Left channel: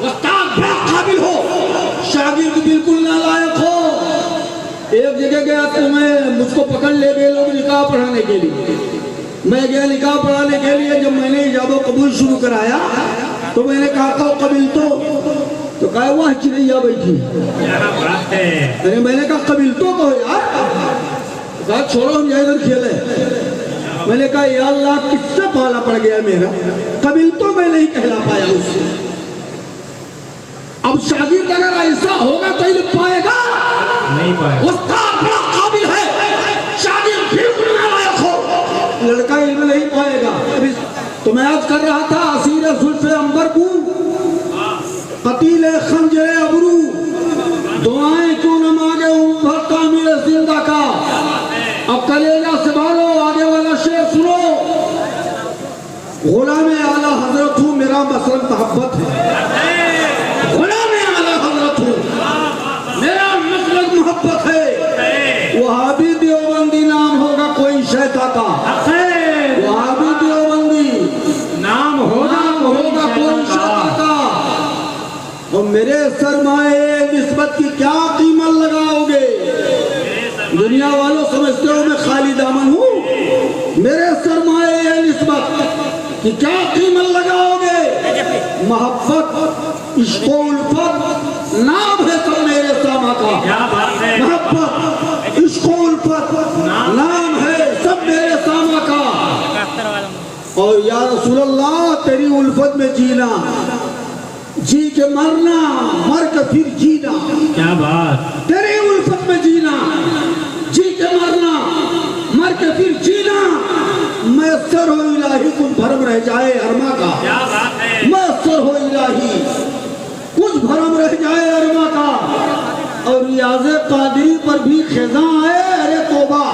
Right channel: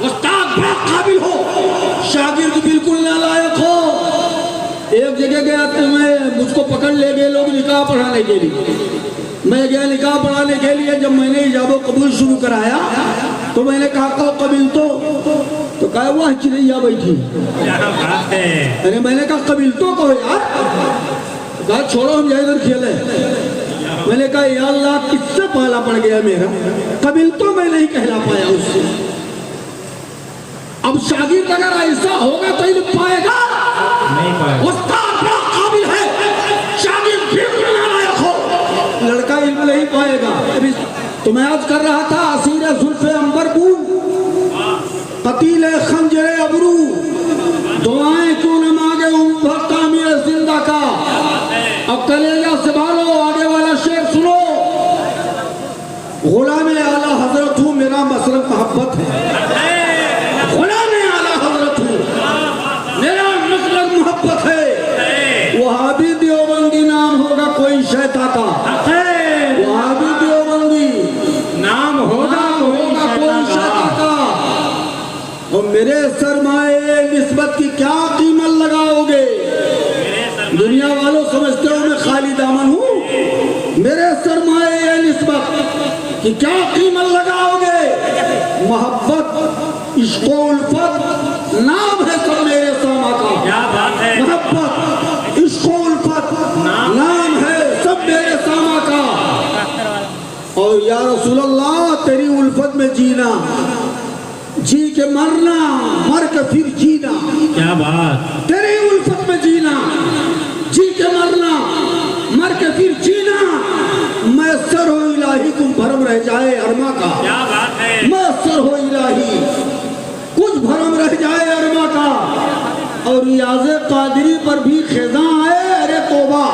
استاد بہت قابل ہو، شاگرد بالکل نالائق ہو. ایک جگہ گیا تو مجھ کو پکڑ لے گئے لوگ نکاح پڑھانے کے لیے. میں گیا نکاح پڑھانے کے لیے. جب میں نے ایجاب و قبول شروع کرایا تو میں نے کہا کہ قبول تو کہا وہ چنیا بیٹھی. میں نے کہا قبول تو کہو یار. کہا چھوڑو ہم جائے ادھر کھیلیں. میں نے کہا یا اللہ کس سے پالا پڑ گیا میرا، قبول تو میں نہیں کہلا پایا اس سے. اب شاگرد اگر ایسا ہوگا تو علم پائے گا نہیں. استاد بڑا قابل ہے، شاگرد بالکل نالائق ہو، لڑکا علم نہیں پائے گا. تو میں عرض کر رہا تھا اسیر زلف عنبر کو، قتیل خنجر ابرو، دعائیں کیوں نہ مانگے عمر تعمیر زندہ کا. اب کلیجہ سنبھالو، آگے والا شعر سنو. غلام اعلیٰ حضرت ہوں، میرا مسلک محبت ہے. غلام اعلیٰ حضرت ہوں، میرا مسلک محبت ہے. وہابی دیوبندی نام ہوگا کوئی شیطا کا. وہابی دیوبندی نام ہوگا کوئی شیطا کا. اور میرے سرمائے نسبت کی کیا قیمت لگاؤ گے؟ دنیا والوں سمجھتے ہو میں خالی دامن ہوں. میرے سرمائے نسبت کی کیا قیمت لگاؤ گے؟ محبت، عشق و الفت نام ہے سب میرے ساما کا. محبت، عشق و الفت نام ہے سب میرے ساما کا. اور یا رسول اللہ تیری الفت میں جینا، جی کے مرنا، مر کے پھر جینا. کیا بات! تیری الفت میں جینا، جی کے مرنا، مر کے پھر جینا. میسر ہو الہی کچھ بھرم رہ جائے ارما کا. میسر ہو الہی کچھ بھرم رہ جائے ارما کا. اور ریاض قادری پر بھی خزاں آئے، ارے توبہ.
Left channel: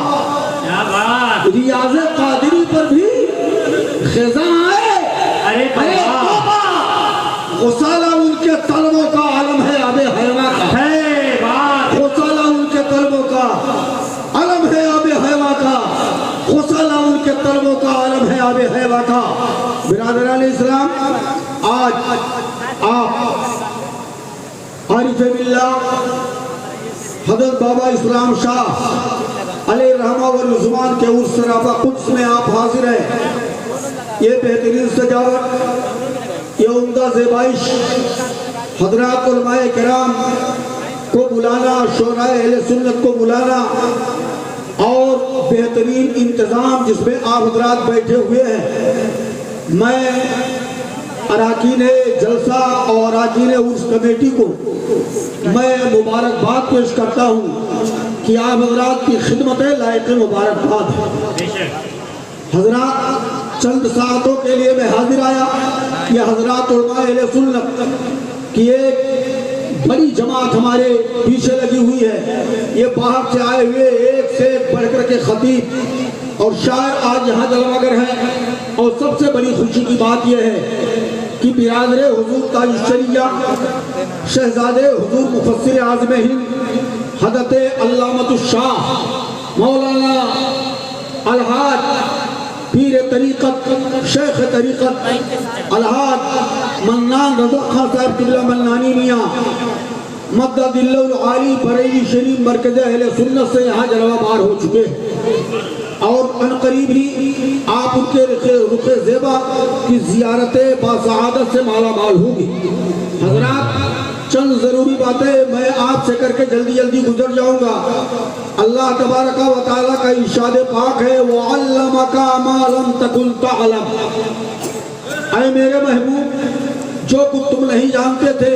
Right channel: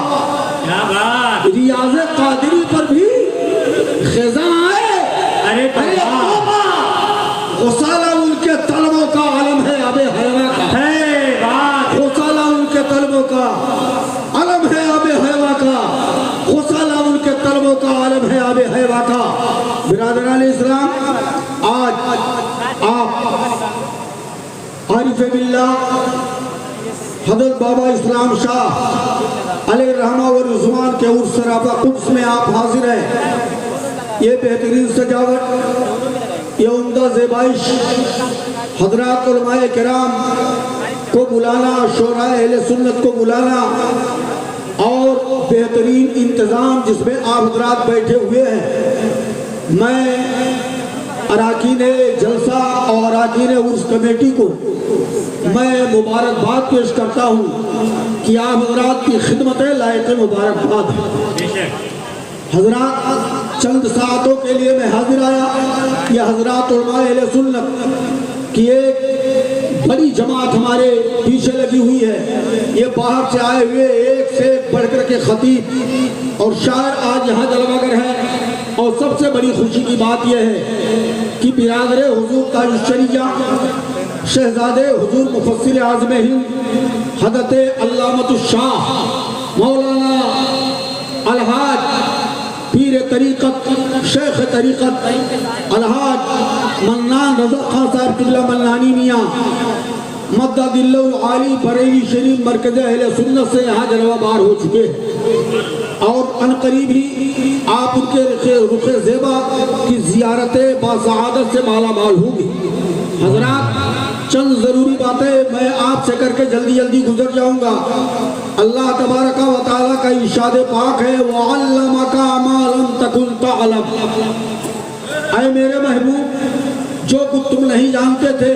ریاض قادری پر بھی خزاں آئے، ارے توبہ. غسالہ ان کے طلبوں کا عالم ہے آب حیوہ کا. غسالہ ان کے طلبوں کا عالم ہے آب حیوہ کا. غسالہ ان کے طلبوں کا عالم ہے آب حیوہ کا. برادران اسلام، آج آپ عارف باللہ حضرت بابا اسلام شاہ علیہ رحمہ و رضوان کے عرس سراپا قدس میں آپ حاضر ہیں. یہ بہترین سجاوٹ، یہ عمدہ زیبائش، حضرات علماء کرام کو بلانا، شعراء اہل سنت کو بلانا، اور بہترین انتظام جس میں آپ حضرات بیٹھے ہوئے ہیں. میں اراکین جلسہ اور اراکین عرس کمیٹی کو میں مبارکباد پیش کرتا ہوں کہ آپ حضرات کی خدمت لائق مبارکباد ہے. حضرات چند ساعتوں کے لیے میں حاضر آیا. یہ حضرات علماء اہل سنت کی ایک بڑی جماعت ہمارے پیچھے لگی ہوئی ہے. یہ باہر سے آئے ہوئے ایک سے بڑھ کر کے خطیب اور شاعر آج یہاں جلوہ گر ہیں. اور سب سے بڑی خوشی کی بات یہ ہے کہ برادر حضور تاج الشریعہ شہزادے حضور مفسر اعظم ہند حضرت علامۃ الشاہ مولانا الحاج پیر طریقت شیخ طریقت الحاج منان رضا خان صاحب قبلہ منانی میاں مدد اللہ العالی بریلی شریف مرکز اہل سنت سے یہاں جلوہ بار ہو چکے ہیں. اور عنقریب ہی آپ ان کے رخ زیبا کی زیارت باسعادت سے مالا مال ہوگی. حضرات چند ضروری باتیں میں آپ سے کر کے جلدی گزر جاؤں گا. اللہ تبارک و تعالیٰ کا ارشاد پاک ہے وَعَلَّمَكَ مَا لَمْ تَكُنْ تَعْلَمْ. اے میرے محبوب، جو کچھ تم نہیں جانتے تھے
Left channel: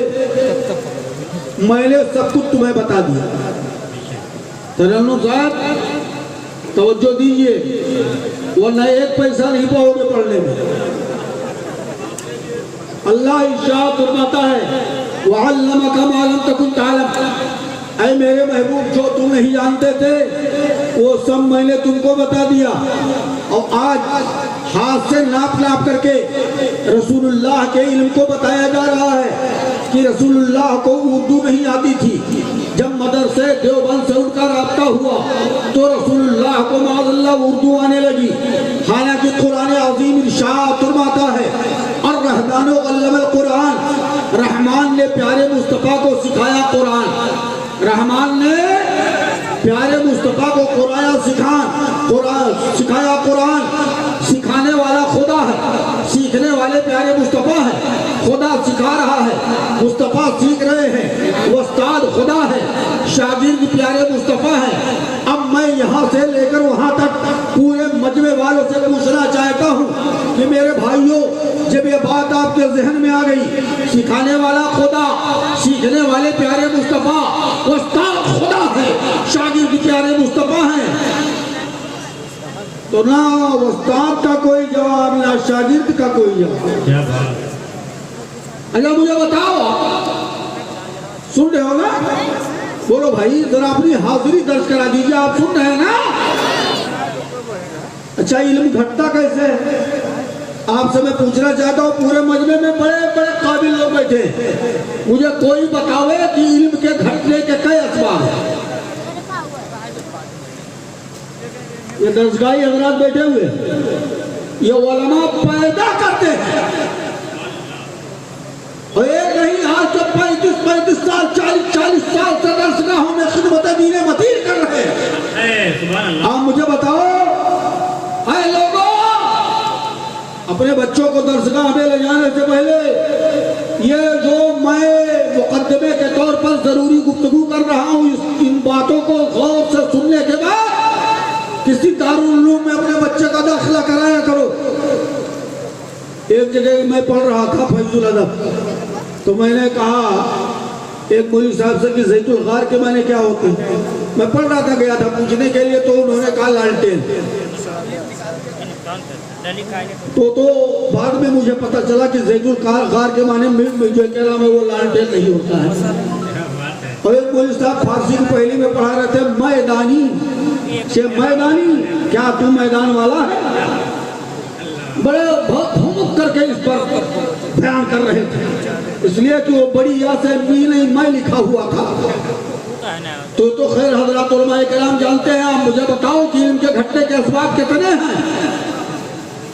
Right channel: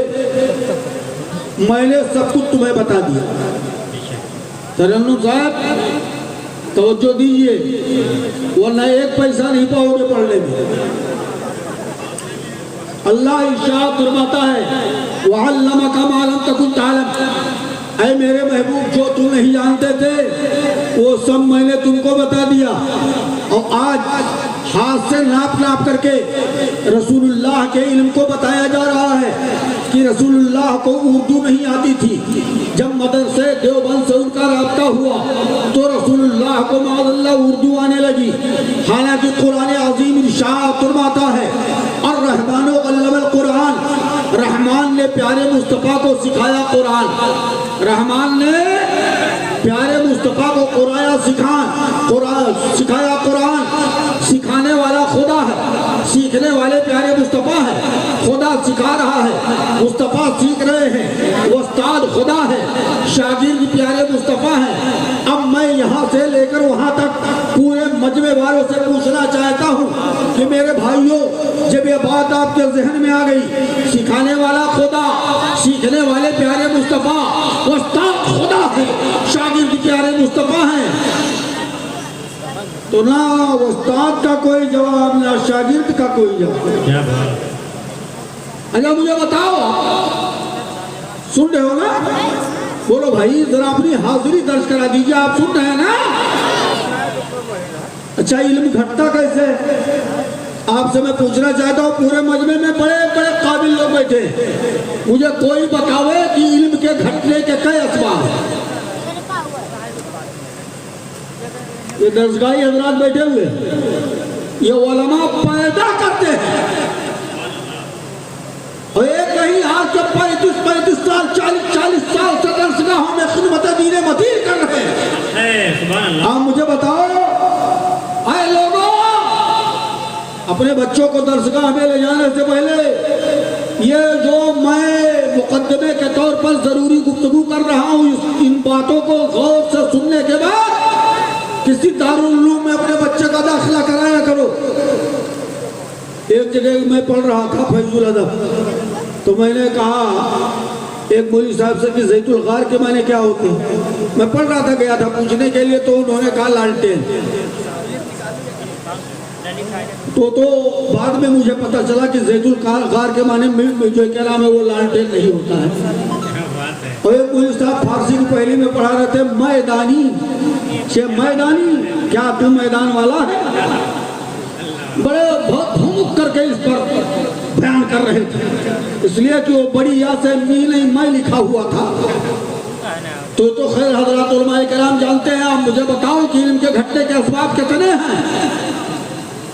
میں نے سب کچھ تمہیں بتا دیا. ترنم صاحب توجہ دیجئے ورنہ ایک پیسہ نہیں پاؤ گے پڑھنے میں. اللہ ارشاد فرماتا ہے وَعَلَّمَكَ مَا لَمْ تَكُنْ تَعْلَمْ. اے میرے محبوب، جو تم نہیں جانتے تھے وہ سب میں نے تم کو بتا دیا. اور آج ہاتھ سے ناپ کر کے رسول اللہ کے علم کو بتایا جا رہا ہے کہ رسول اللہ کو اردو نہیں آتی تھی. جب مدرسے دیوبند سے ان کا رابطہ ہوا تو رسول اللہ کو معاذ اللہ اردو آنے لگی. حالانکہ قرآن عظیم ارشاد فرماتا ہے الرحمن علم القرآن، رحمان نے پیارے مصطفیٰ کو سکھایا قرآن، رحمان نے پیارے مصطفیٰ کو سکھایا قرآن۔ سکھانے والا خدا ہے، سیکھنے والے پیارے مصطفیٰ ہے۔ خدا سکھا رہا ہے، مصطفیٰ سیکھ رہے ہیں، استاد خدا ہے، شاگرد پیارے مصطفیٰ ہے۔ اب میں یہاں سے لے کر وہاں تک پورے مجمع والوں سے پوچھنا چاہتا ہوں کہ میرے بھائیوں، جب یہ بات آپ کے ذہن میں آ گئی، سکھانے والا خدا، سیکھنے والے پیارے مصطفیٰ، استاد خدا ہے، شاگرد پیارے مصطفیٰ ہیں، تو نہ استاد کا کوئی جواب نہ شاگرد کا کوئی جواب۔ اچھا مجھے بتاؤ، سن رہے ہو نا؟ بولو بھائی، ذرا اپنی حاضری درج کرا دیجیے، آپ سن رہے ہیں نا؟ اچھا علم گھٹتا کیسے؟ آپ سے میں پوچھنا چاہتا ہوں، پورے مجمع میں بڑے بڑے قابل لوگ بیٹھے ہیں، مجھے کوئی بتاوے کہ علم کے گھٹنے کے کئی اسباب ہیں؟ یہ درسگاہی حضرات بیٹھے ہوئے، یہ علماء پیدا کرتے ہیں، اور ایک نہیں آج کے 35 سال 40 سال سے درسگاہوں میں خدمت دین مدین کر رہے ہیں۔ آپ مجھے بتاؤ، اے لوگوں، اپنے بچوں کو درسگاہ میں لے جانے سے پہلے یہ جو میں مقدمے کے طور پر ضروری گفتگو کر رہا ہوں، ان باتوں کو غور سے سننے کے بعد کسی دارالعلوم میں اپنے بچے کا داخلہ کرایا کرو۔ ایک جگہ میں پڑھ رہا تھا فیض الادب، تو میں نے کہا ایک مولوی صاحب سے کہ زیت الغار کے معنی کیا ہوتے ہیں؟ میں پڑھ رہا تھا، گیا تھا پوچھنے کے لیے، تو انہوں نے کہا لالٹین۔ تو بعد میں مجھے پتا چلا کہ زیت الغار کے معنی جو کہہ رہا ہے وہ لالٹین نہیں ہوتا ہے۔ اور ایک مولوی صاحب فارسی کی پہلی میں پڑھا رہے تھے، میدانی میدانی، کیا تم میدان والا ہے؟ بڑے بہت بھوک کر کے اس پر بیان کر رہے تھے، اس لیے کہ وہ بڑی یا سے می نہیں میں لکھا ہوا تھا۔ تو خیر حضرات علماء کرام جانتے ہیں۔ آپ مجھے بتاؤ کہ ان کے گھٹنے کے اسباب کتنے ہیں؟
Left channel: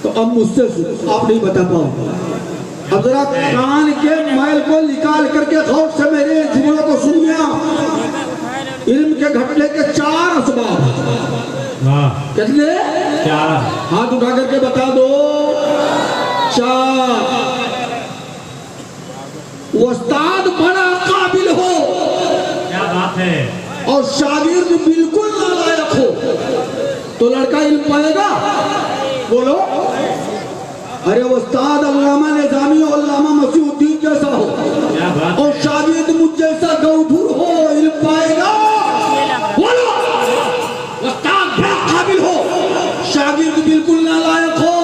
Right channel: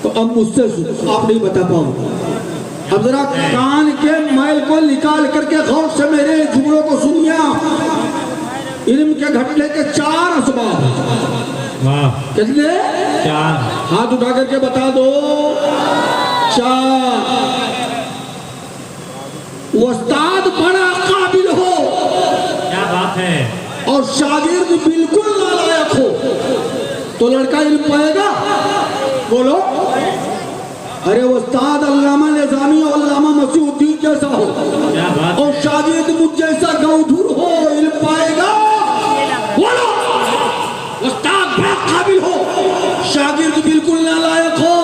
تو اب مجھ سے آپ نہیں بتا پاؤں۔ اب ذرا کان کے میل کو نکال کر کے غور سے میرے جملوں کو سنیا۔ علم کے گھٹنے کے 4 اسباب۔ کتنے؟ 4۔ ہاتھ اٹھا کر کے بتا دو۔ 4۔ استاد بڑا قابل ہو، کیا بات ہے، اور شاگرد بالکل نالائق ہو، تو لڑکا علم پائے گا؟ بولو۔ ارے استاد علامہ نظامی اور علامہ مسیح الدین جیسا ہو، اور شاگرد مجھ جیسا گودھر ہو، علم پائے گا؟ بولو۔ استاد بڑا قابل ہو، شاگرد بالکل نالائق ہو۔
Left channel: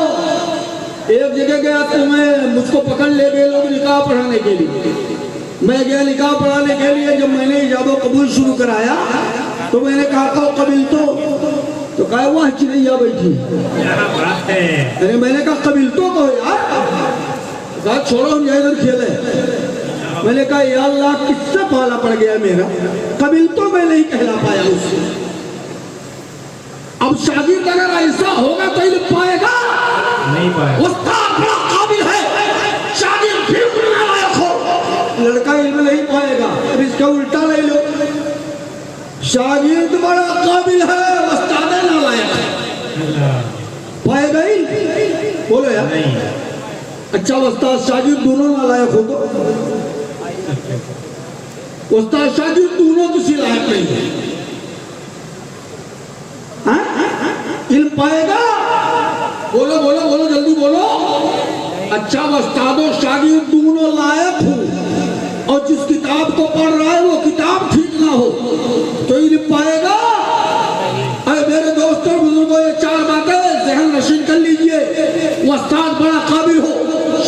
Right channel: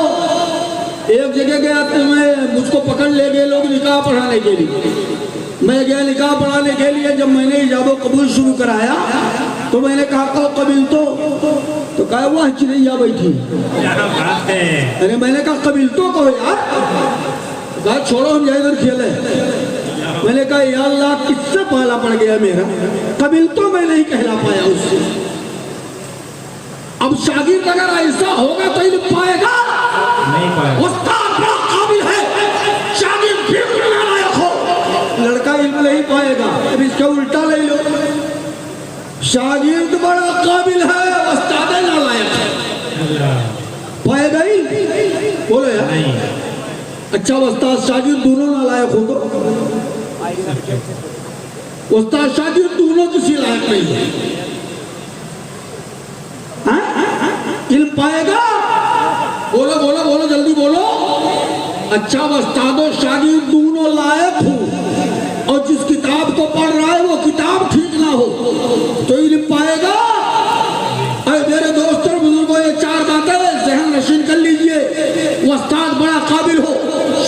ایک جگہ گیا تو مجھ کو پکڑ لے گئے لوگ نکاح پڑھانے کے لیے۔ میں گیا نکاح پڑھانے کے لیے، جب میں نے ایجاب و قبول شروع کرایا تو میں نے کہا کہ قبول تو کہا وہ چنیا بیٹھی۔ ارے میں نے کہا قبول تو کہو یار، کہا چھوڑو ہم جائے ادھر کھیلے۔ میں نے کہا یا اللہ کس سے پالا پڑ گیا میرا، قبول تو میں نہیں کہنا پایا اس سے۔ اب شاگرد اگر ایسا ہوگا تو علم پائے گا؟ نہیں پائے گا۔ استاد بڑا قابل ہے، شاگرد بالکل نالائق ہو، لڑکا علم نہیں پائے گا۔ اب اس کا الٹا لے لو، شاگرد بڑا قابل ہے، استاد نالائق ہے، پائے گا ہی؟ بولو یار۔ اچھا استاد شاگرد دونوں نالائق ہوگا؟ استاد شاگرد دونوں کسی لائق نہیں ہے، علم پائے گا؟ بولو بولو بولو جلدی بولو۔ اچھا استاد و شاگرد دونوں لائق ہوں، اور جس کتاب کو پڑھ رہا ہے وہ کتاب ٹھیک نہ ہو، تو علم پائے گا؟ اے میرے دوستوں بزرگوں، یہ 4 باتیں ذہن نشین کر لیجئے۔ وہ استاد بڑا قابل ہو،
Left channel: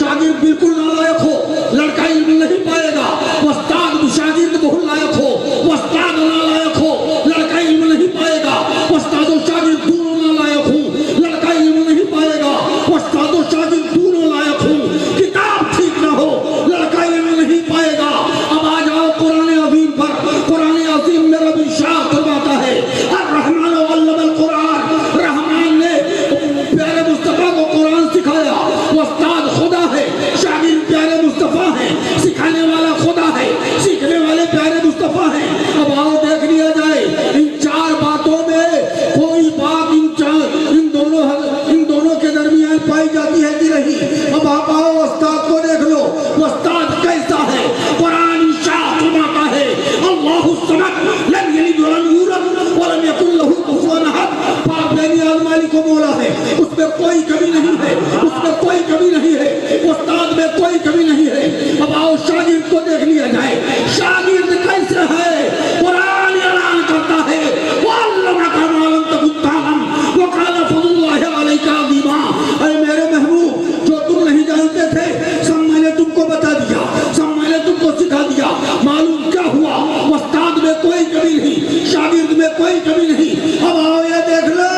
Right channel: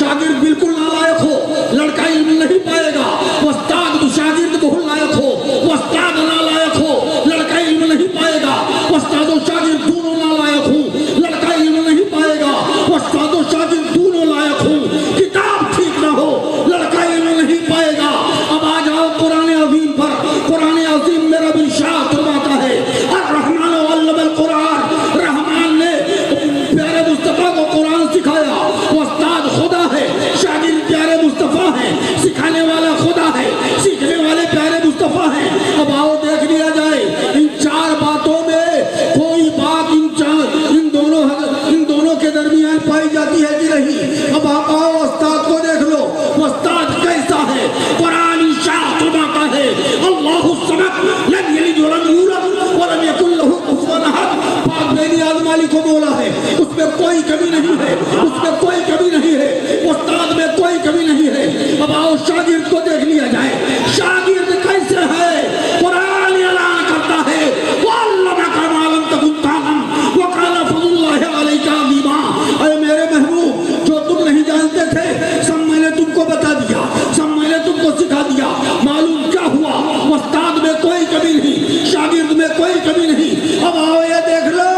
شاگرد بالکل نالائق ہو، لڑکا علم نہیں پائے گا۔ وہ استاد شاگرد بہت لائق ہو، وہ استاد نالائق ہو، لڑکا علم نہیں پائے گا۔ وہ استاد و شاگرد دونوں نالائق ہوں، لڑکا علم نہیں پائے گا۔ وہ استاد و شاگرد دونوں لائق ہوں، الصمد لم يلد ولم يولد ولم يكن له كفوا احد. پاک بے نیاز مالک و مولا ہے، اس میں کوئی کمی نہیں ہے، اس میں کوئی کمی نہیں ہے، استاد میں کوئی کمی نہیں ہے. اب آؤ شاگرد کو دیکھ لیا جائے، شاگرد کیسے ہے؟ قرآن اعلان کرتا ہے وَعَلَّمَكَ مَا لَمْ تَكُن تَعْلَمْ وَكَانَ فَضْلُ اللَّهِ عَلَيْكَ عَظِيمًا. اے میرے محبوب، جو تم نہیں جانتے تھے سب میں نے تم کو بتا دیا، سب میں نے تم کو سکھا دیا. معلوم کیا ہوا؟ استاد میں کوئی کمی نہیں، شاگرد میں کوئی کمی نہیں. اب آؤ یہ دیکھ لو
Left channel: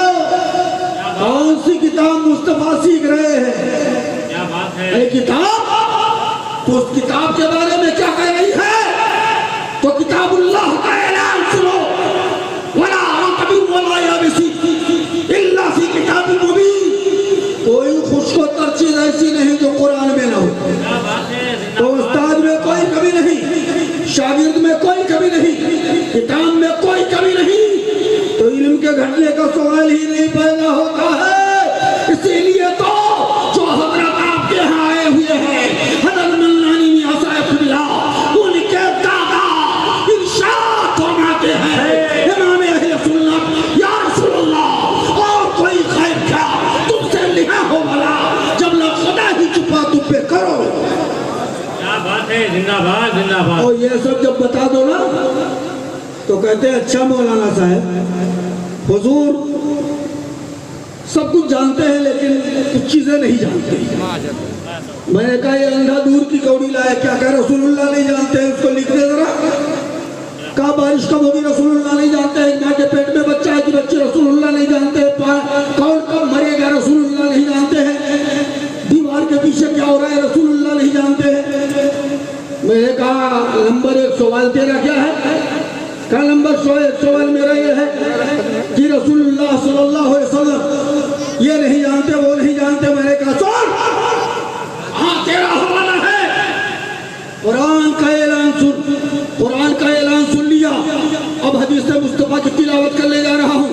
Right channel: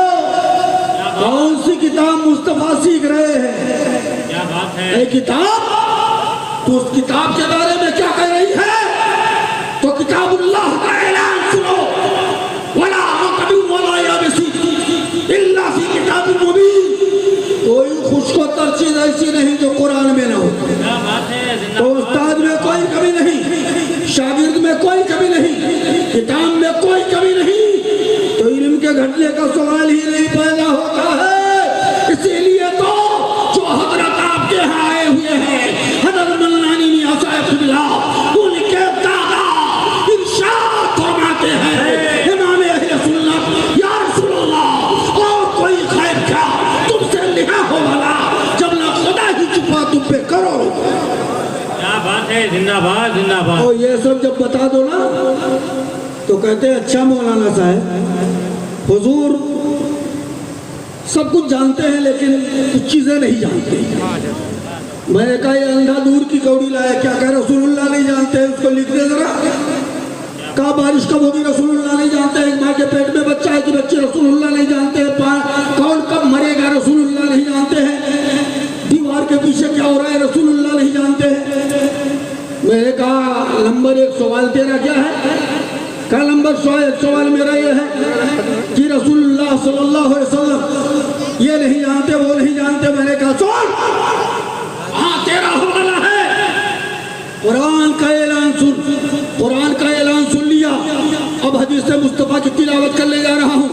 کون سی کتاب مصطفیٰ سیکھ رہے ہیں. یہ کتاب اس کتاب کے بارے میں کیا کہہ رہی ہے؟ تو کتاب اللہ کا اعلان سنو، وَلَا عَقَبٍ وَلَا يَابِسٍ إِلَّا فِي كِتَابٍ مُبِينٍ. کوئی خوشک و تر چیز ایسی نہیں جو قرآن میں نہ ہو. تو استاد میں کوئی کمی نہیں، شاگرد میں کوئی کمی نہیں، کتاب میں کوئی کمی نہیں. تو علم کے گھٹنے کا سوال ہی نہیں پیدا ہوتا ہے. اسی لیے تو جو حضرت آپ کے ہاں آئے ہوئے ہیں، حضرت ملانی میاں صاحب قبلہ، ان کے دادا ارشاد فرماتے ہیں امام اہل سنت، یا رسول اللہ اور کوئی خیر کیا تم سے لہا ہو بھلا جب نہ خدا ہی چھپا تم پہ کرو. کیا بات ہے، زندہ باد زندہ باد. اور یہ سب جب بتا دو نا تو کہتے ہیں اچھا مولانا صاحب حضور سب کچھ جانتے ہیں لیکن کچھ چیزیں نہیں جانتے. میں نے کہا یہ اندھا دور کی کوڑی لائے، کیا کہہ رسول اللہ نہیں جانتے ہیں؟ اس کو لکھ دے ذرا. کہا بارش کب ہوگی رسول اللہ نہیں جانتے ہیں. ماں کے پیٹ میں بچہ ہے کہ بچے رسول اللہ نہیں جانتے ہیں. کون کب مرے گا رسول اللہ نہیں جانتے ہیں. دیوار کے پیچھے کیا ہو رہا ہے رسول اللہ نہیں جانتے ہیں. میں نے کہا نمبر 1 سوال تیرا کیا ہے؟ کہا نمبر 100 سوال میرا یہ ہے کہ رسول اللہ صلی اللہ علیہ وسلم یہ نہیں جانتے وہ نہیں جانتے. میں نے کہا سن، ہاں تیرا حوالہ ہے، قرآن کا اعلان سن. قرآن کا اعلان سن لیا، اب حدیث مصطفیٰ کی تلاوت کر لے جا رہا ہوں.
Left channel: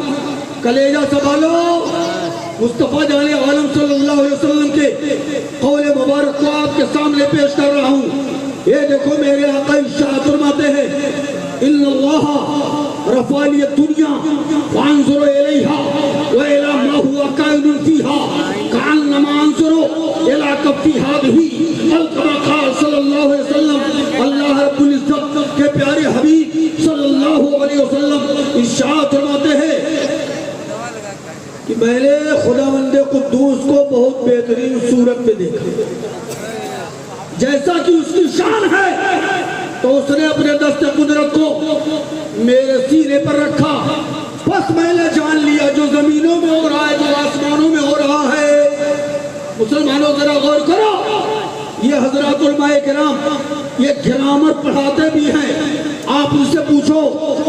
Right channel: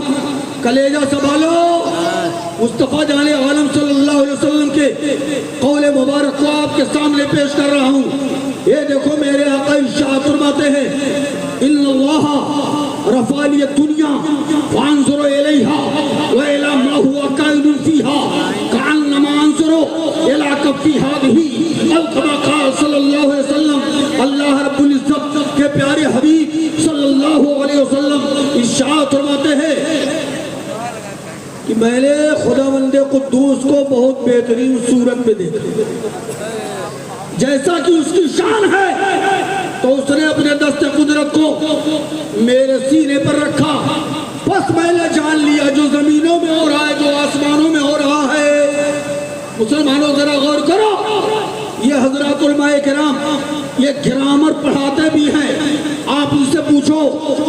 کلیجہ سنبھالو. مصطفیٰ جان عالم صلی اللہ علیہ وسلم کے قول مبارک کو آپ کے سامنے پیش کر رہا ہوں. یہ دیکھو میرے آقا ارشاد فرماتے ہیں ان اللہ رفع لی الدنیا فانظر الیہا وإلی ما هو کائن فیہا کأنما انظر الی کف ہذہ او کما قال صلی اللہ علیہ وسلم. اللہ رب العزت کے پیارے حبیب صلی اللہ علیہ وسلم ارشاد فرماتے ہیں کہ میں نے خداوند قدوس کو بہت بہترین صورت میں دیکھا، جیسا کہ اس کی شان ہے. تو اس نے اپنے دست قدرت کو میرے سینے پر رکھا. بس میں نے جان لیا جو زمینوں میں ہو رہا ہے، جو آسمانوں میں ہو رہا ہے. مسلمانوں ذرا غور کرو، یہ حضرات علماء کرام یہ گرامر پڑھاتے بھی ہیں. آپ ان سے پوچھو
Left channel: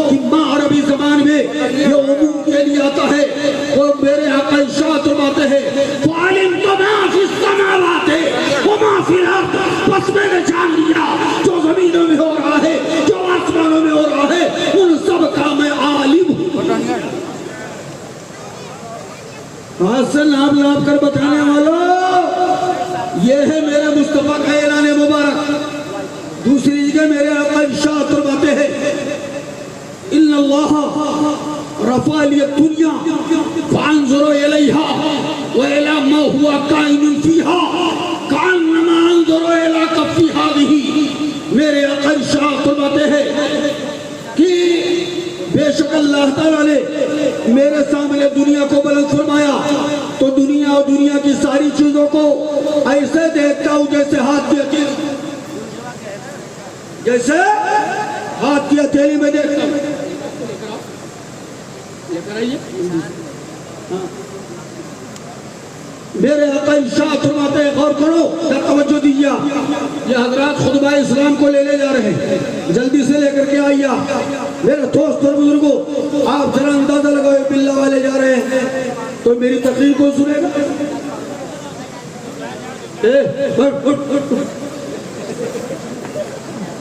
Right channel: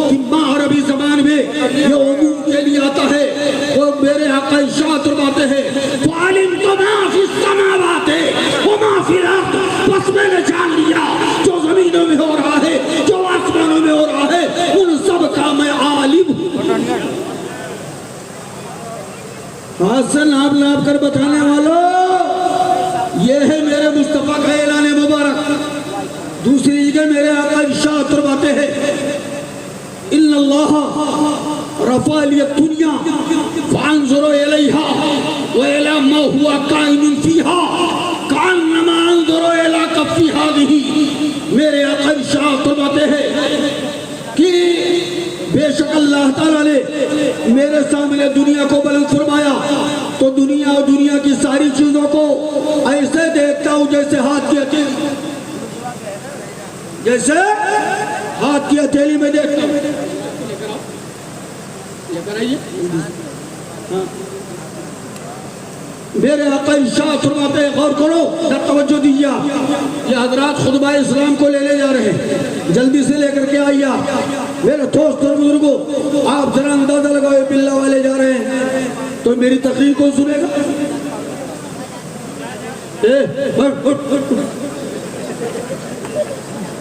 کہ ماں عربی زبان میں یہ عموم کے لیے آتا ہے. وہ میرے آقا ارشاد فرماتے ہیں وَعَلِمْتُ مَا فِي السَّمَاوَاتِ وَمَا فِي الْأَرْضِ. بس میں نے جان لیا جو زمینوں میں ہو رہا ہے، جو آسمانوں میں ہو رہا ہے، ان سب کا میں عالم ہوں. بات سے ناپ ناپ کر بتانے والا یہ ہے میرے مصطفیٰ کا اعلان مبارک. دوسری جگہ میرے آقا ارشاد فرماتے ہیں ان اللہ رفع لی الدنیا فانظر الیہا وإلی ما هو کائن فیہا کأنما انظر الی کف ہذہ. میرے آقا ارشاد فرماتے ہیں کہ بے شک اللہ تعالیٰ نے میرے سامنے دنیا کو بلند فرمایا تو دنیا اور دنیا کی ساری چیزوں کو ایسے دیکھتا ہوں جیسے ہاتھ کی ہتھیلی، جیسے ہاتھ کی ہتھیلی میں دیکھتا ہوں. میرے آقا ارشاد فرماتے ہیں غور کرو، در توجہ دیجیے. یہ حضرات خطبہ اسلام کو لے جا رہے ہیں، جلدی سے لے کر کے آئیے. میرے دوست اور بزرگوں آپ ذرا اندازہ لگاؤ بلّہ والے جا رہے ہیں تو میری تقریر کون سنے گا؟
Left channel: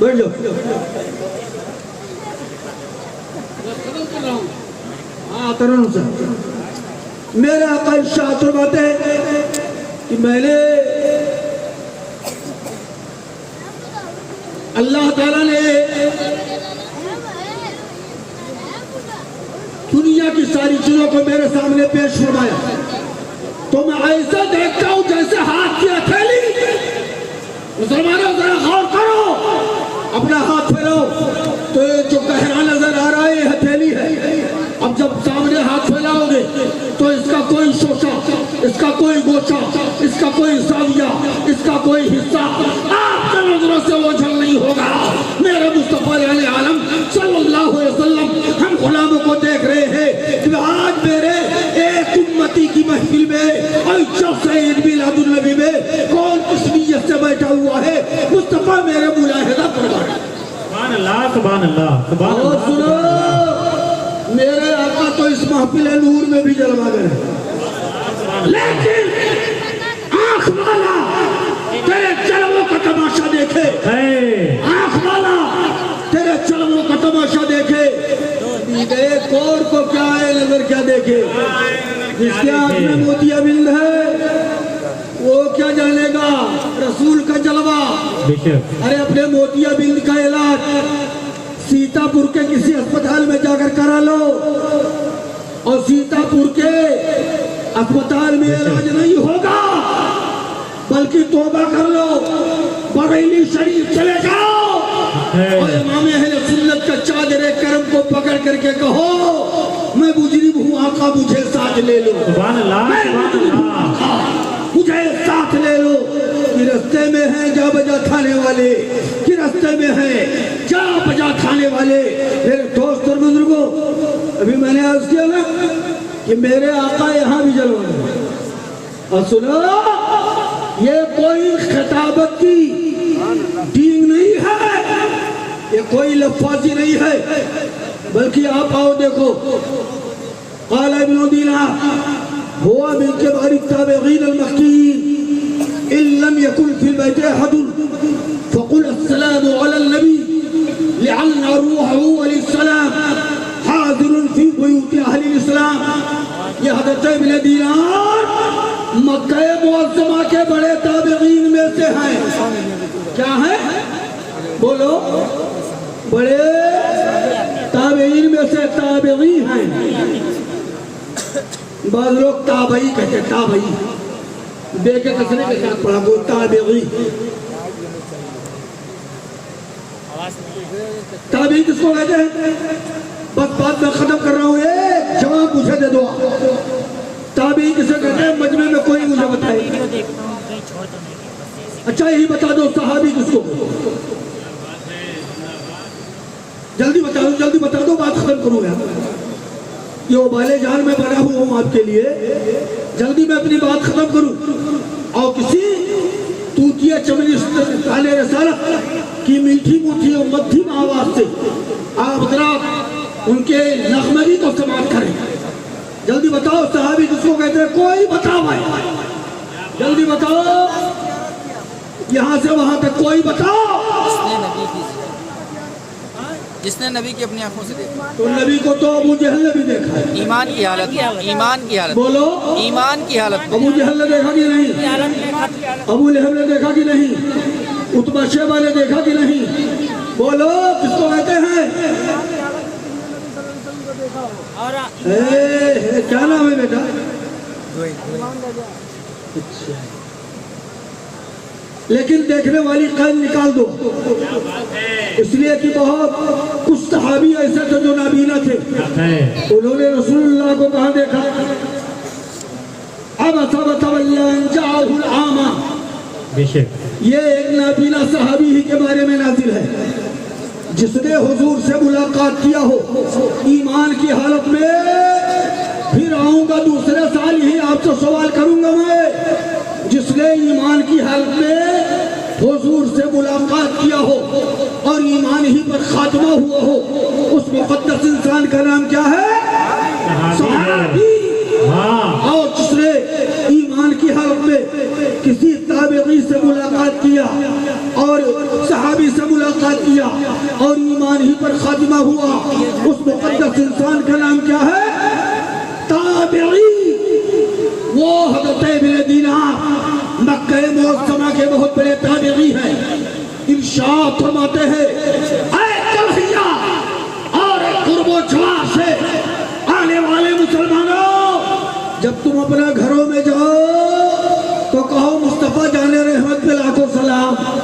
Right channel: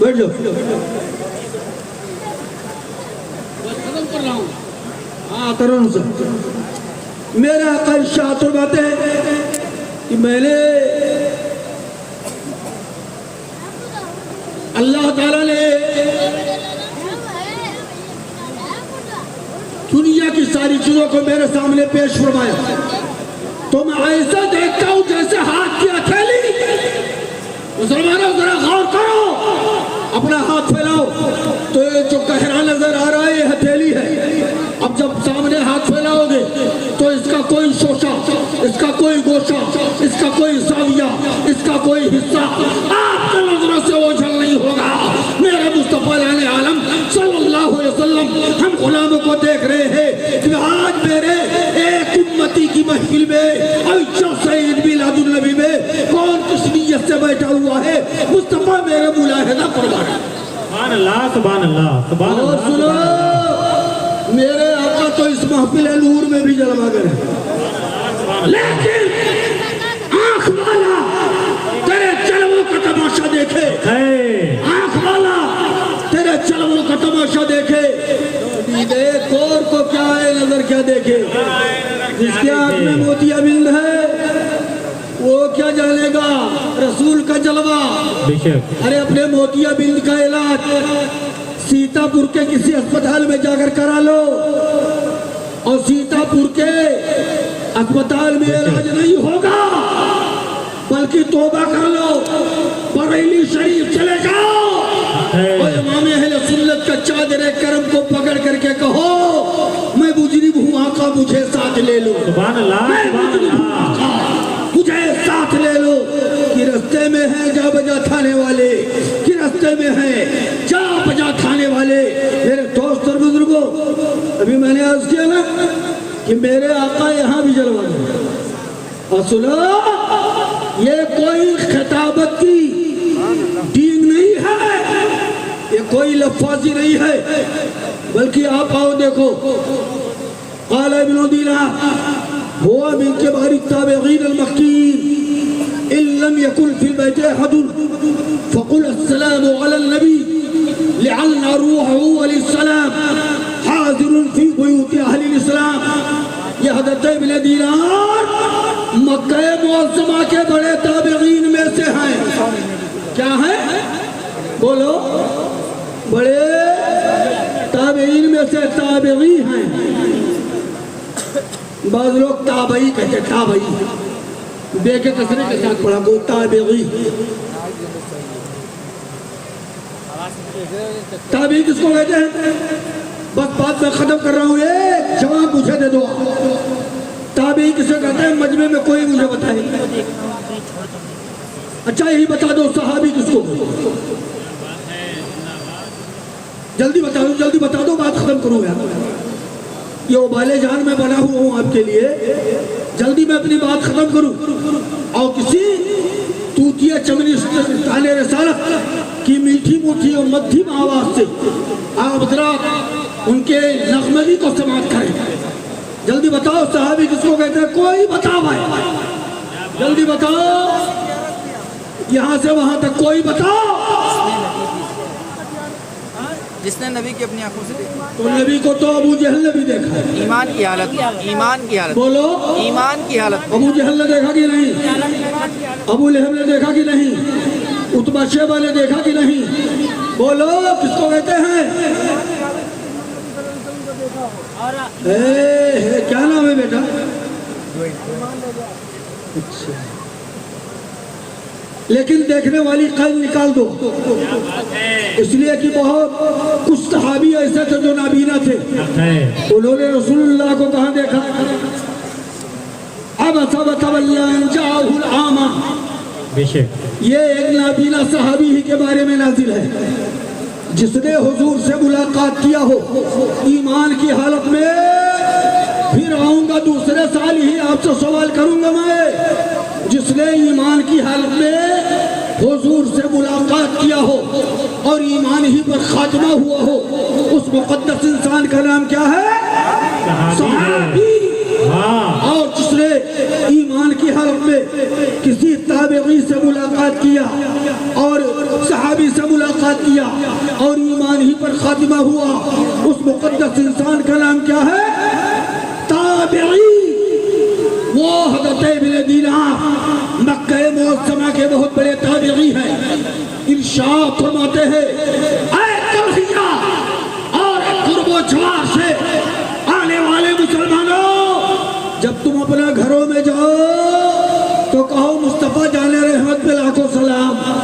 بیٹھ جاؤ. ختم کر رہا ہوں. ہاں کر رہا ہوں سر. میرے آقا ارشاد فرماتے ہیں کہ میں نے اللہ تعالیٰ نے دنیا کی ساری چیزوں کو میرے سامنے پیش فرمایا تو میں ایسا دیکھتا ہوں جیسے ہاتھ کی ہتھیلی. مسلمانوں ذرا غور کرو, اپنا ہاتھ پھیلاؤ تو یہ جو گہرا نظر آ رہا ہے یہ ہتھیلی ہے. اب جب سامنے ہاتھ پھیلاؤ گے تو اس کا کوئی شوشہ, اس کا کوئی گوشہ, اس کا کوئی زاویہ, اس کا کوئی حصہ آپ کی نظروں سے اوجھل نہیں ہوگا. میرے مصطفیٰ علیہ عالم صلی اللہ علیہ وسلم ہم غلاموں کو دیکھ رہے ہیں کہ آج میرے ایک امتی کی محفل میں عید میلاد النبی میں کون کس نیت سے بیٹھا ہوا ہے, مصطفیٰ میرے ملاحظہ فرمائے. سبحان اللہ سبحان اللہ سبحان اور اللہ. سنو, میرے آقا تو اس محفل نور میں بھی جلواگر ہے, لیکن آنکھ والا تیرے چلووں کا تماشا دیکھے, آنکھ والا تیرے چلووں کا تماشا دیکھے, ایک اور کو کیا ہے نظر کیا دیکھے. جس کے آنکھ میں موتیا بند ہے وہ کیا جانے گا رسول کا جلوہ. ارے اپنے موتیا بند کا علاج سیتا پور کے کسی اسپتال میں جا کر کرا لو, اور سیتا پور کے اسپتال میں علاج نہیں ہوگا بلکہ توبہ کر لو, بریلی شریف چلے جاؤ اور امام اہل سنت کا چادر کرم کو پکڑ کر کے کہو میں مجرم ہوں آقا مجھے ساتھ لے لو, مجھے ساتھ لے لو. کہ رستے میں ہیں جا بجا کھانے والے, کہ رستے میں ہیں جا بجا کھانے والے. میرے دوست اور بزرگوں, ابھی میں نے عرض کیا نا کہ میرے آقا یہاں بھی جلوانا. اور سنو, یہ کوئی خطابت کی ڈینگ نہیں ہے, یہ کوئی لفاظی نہیں ہے, بلکہ آپ آؤ دیکھو. قال ابن دینار هو من كبار التابعين المكيين إن لم يكن في البيت أحد فقل السلام على النبي لعل روحه وللسلام حاضر في بيوت أهل الإسلام. یہ حضرت ابن دینار مکہ معظمہ کے بڑے تابعین میں سے ہیں. کیا ہے بولو, بڑے تابعین میں سے تابعی ہیں. بعض لوگ تابعی کہتے ہیں, تابعی بے کے کسرے کے ساتھ پڑھا گو تابعی. تابعی کس کو کہتے ہیں؟ بس بات میں ختم کر رہا ہوں, یہ جواب مجھے دے دو. تابعی کسے کہتے ہیں مجمع میں کوئی مجھے بتائے. اچھا یہی بتا دو صحابی کس کو, جلدی بتا دو بات ختم کروں گا. یہ ابالے جان میں بنا ہوا ہوں آپ کے لیے, جلدی میں اپنی بات ختم کروں. اور کسی توتیا چمنی تالے رسالت کی میٹھی موٹھی اور مدھم آواز سے آپ ذرا ان کے نغمگی کو سماعت کریں. جلدی بتاؤ صحابی کس کو کہتے ہیں, کوئی بتاؤ ہے, جلدی بتاؤ, یہاں سے وہاں تک کوئی بتاؤ. جس نے نبی کی اپنی آنکھوں سے دیکھا. تو نبی کو تو ابو جہل نے بھی دیکھا ہے. ایمان کی حالت, ایمان کی حالت, بولو ایمان کی حالت. ابو جہل نے دیکھا کہ نہیں, ابو لہب نے دیکھا کہ نہیں, عتبہ شیبہ نے دیکھا کہ نہیں, بولو کس کو کہتے ہیں؟ کیا نام ہے بیٹا؟ اچھا, لیکن دیکھنے والی قلب نکال دو, اس لیے کہ بہت کچھ صحابی ایسے تھے جو نابینا تھے, انہوں نے رسول اللہ کو کہاں دیکھا؟ اب جاءہ العامہ, یہ ایک نابینا صحابی ہی کے بارے میں نازل ہے جس نے حضور سے ملاقات کیا ہو ایمان کی حالت میں. پھر آؤں گا دوسرے سال ہی آپ سے سوال کروں گا میں, جس نے ایمان کی حالت میں حضور سے ملاقات کیا ہو اور ایمان ہی پر خاتمہ ہوا ہو, اس مقدس انسان کا نام کیا ہے؟ صحابی. اور جس نے ایمان کی حالت میں کسی تابعی سے ملاقات کیا اور صحابی سے ملاقات کیا اور ایمان ہی پر خاتمہ ہوا, اس مقدس انسان کا نام کیا ہے؟ تابعی. وہ حضرت ابن دینار مکہ معظمہ کے بہت بڑے تابعی ہیں. ارشاد فرماتے ہیں, اے کلہیا اور قرب و جوار سے آنے والے